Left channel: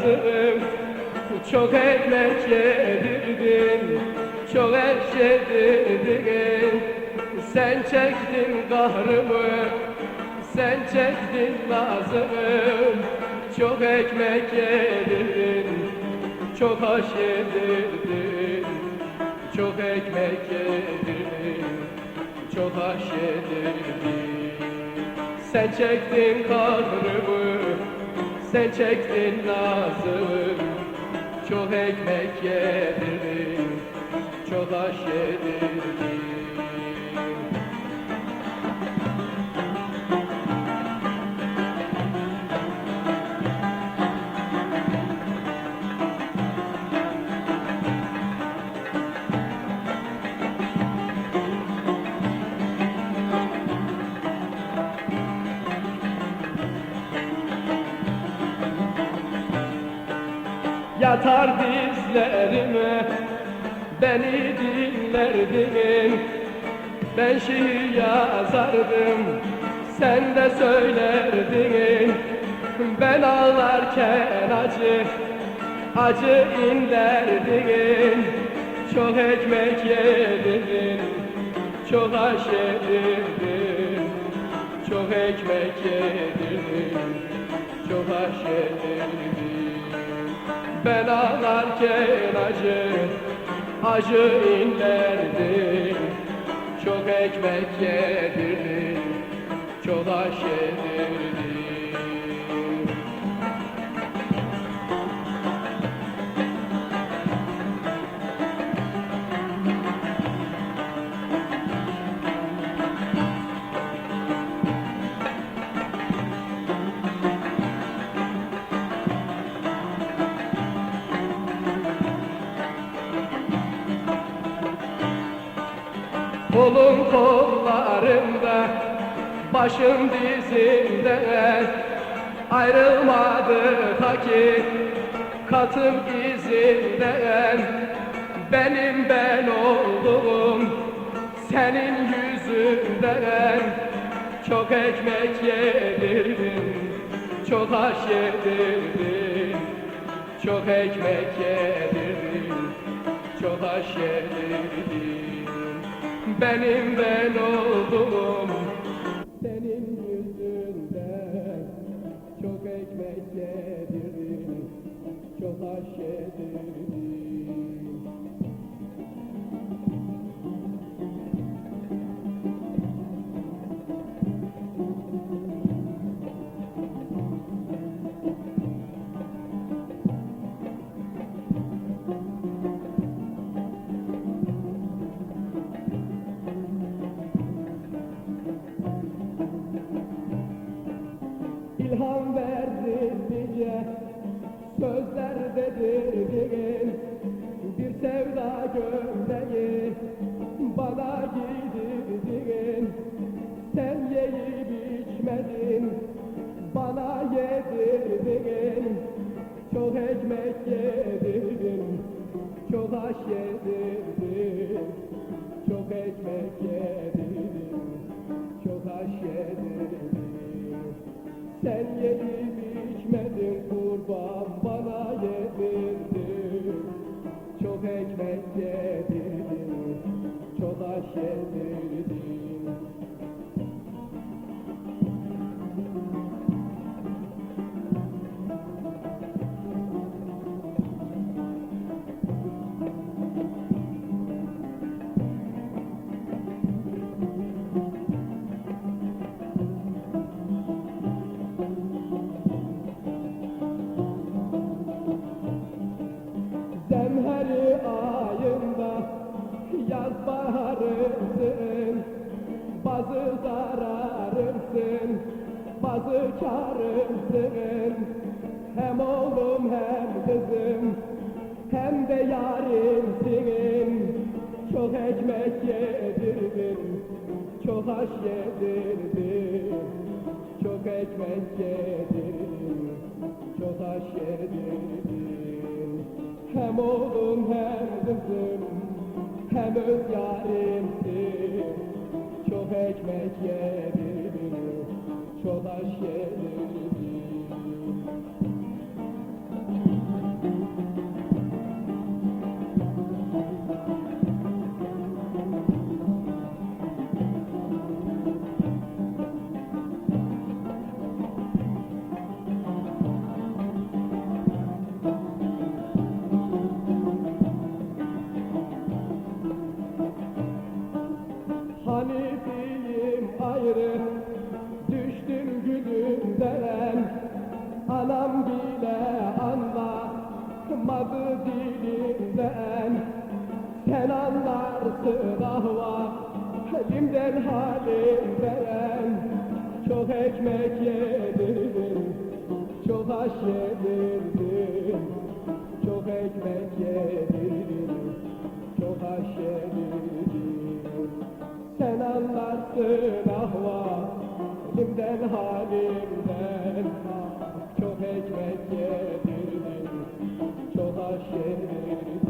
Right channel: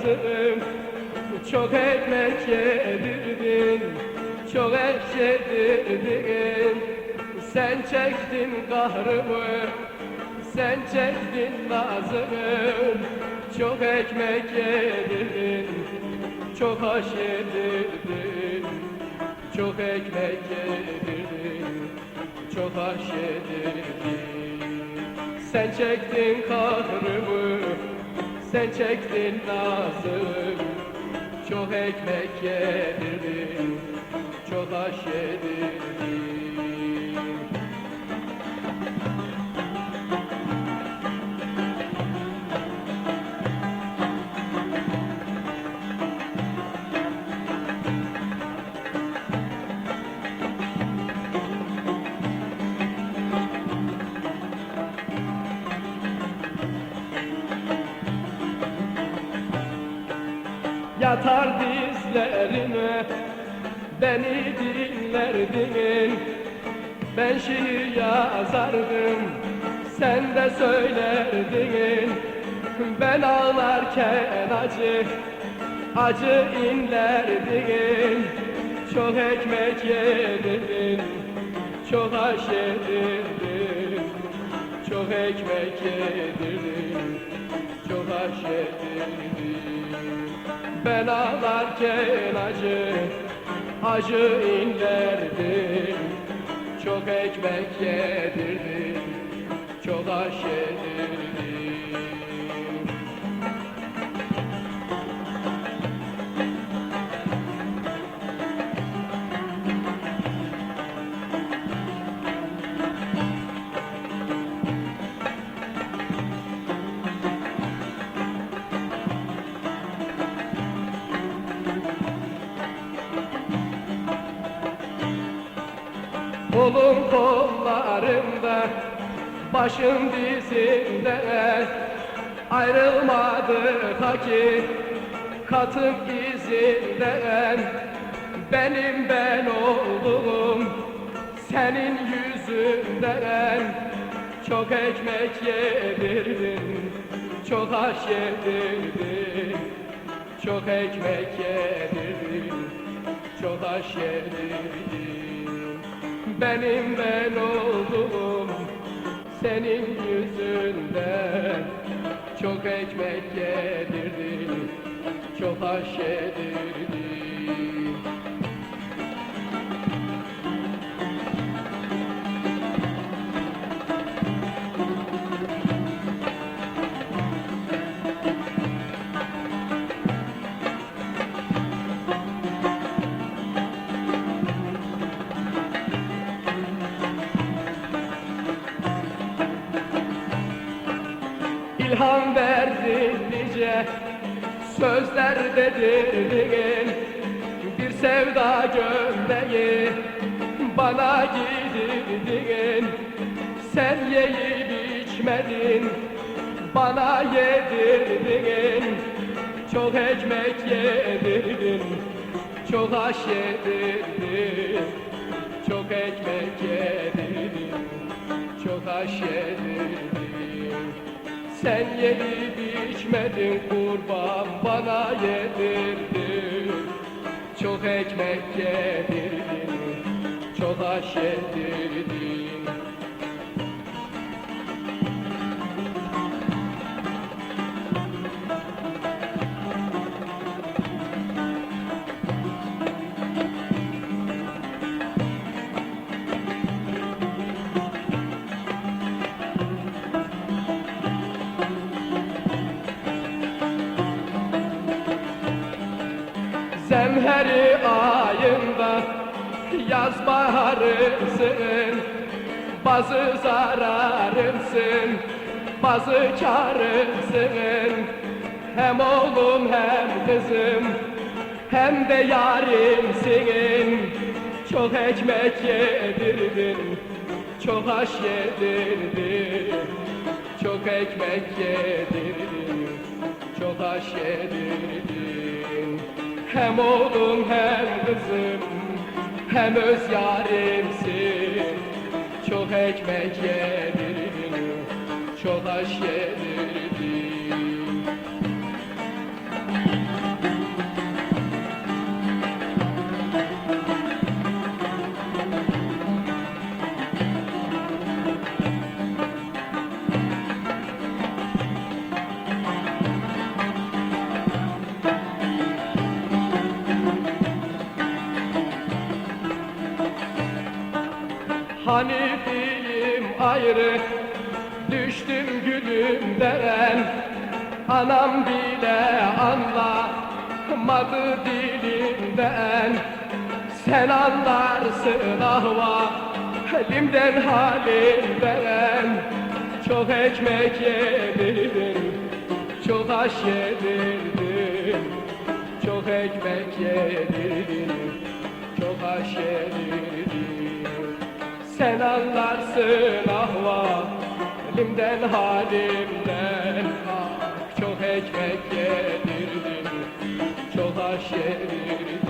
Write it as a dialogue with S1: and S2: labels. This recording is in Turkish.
S1: Çok ekmek yedirdin Çok eşedirdin Sen çektin kahrımı Sen çektin nazımı. Çok ekmek yedirdin Çok aş yedirdin. Çok ekmek yedirdin Çok aş yedirdin. Sen çektin kahrımı Sen çektin nazımı çok ekmek yedirdin, çok aş yedirdin. Beni dinlerdin. Ben şiir yazardım sen de söylerdin. Ben ağlarken acı acı inlerdin. Çok ekmek yedirdin çok aş yedirdin Çok ekmek yedirdin çok aş yedirdin ben ağlarken acı inlerdim Çok ekmek yedirdim, Kolum kollarımda, başım dizimde. Ayrılmadı ta ki katım izinden. Benim ben oldum senin yüzünden. Çok ekmek yedirdin, çok aş yedirdin Çok ekmek yedirdin, çok aş yedirdin benim ben oldum senin yüzünden. Çok ekmek yedirdin, çok aş yedirdin İlham verdin nice sözler dedirdin Bir sevda gömleği bana giydirdin. Sen yiyip içmedin bana yedirdin. Çok ekmek yedirdin çok aş yedirdin. Çok ekmek yedirdin çok aş yedirdin sen yiyip içmedin kurban bana yedirdin. Çok ekmek yedirdin, çok aş yedirdin Zemheri ayında yaz baharımsın Bazı zararımsın, bazı karımsın Hem oğlum hem kızım, hem de yarimsin Çok ekmek yedirdin, çok aş yedirdin. Çok ekmek yedirdin, çok aş yedirdin Hem oğlum hem kızım hem öz yarimsin. Çok ekmek yedirdin, çok aş yedirdin Ayrı Düştüm gülümden Anam bile anlamadı dilimden Sen anlarsın ahva Halimden halimden Çok ekmek yedirdin Çok aş yedirdin Çok ekmek yedirdin Çok aş yedirdin yanlarsın ah vah Elimden halimden. Ah, çok ekmek yedirdin Çok aş yedirdin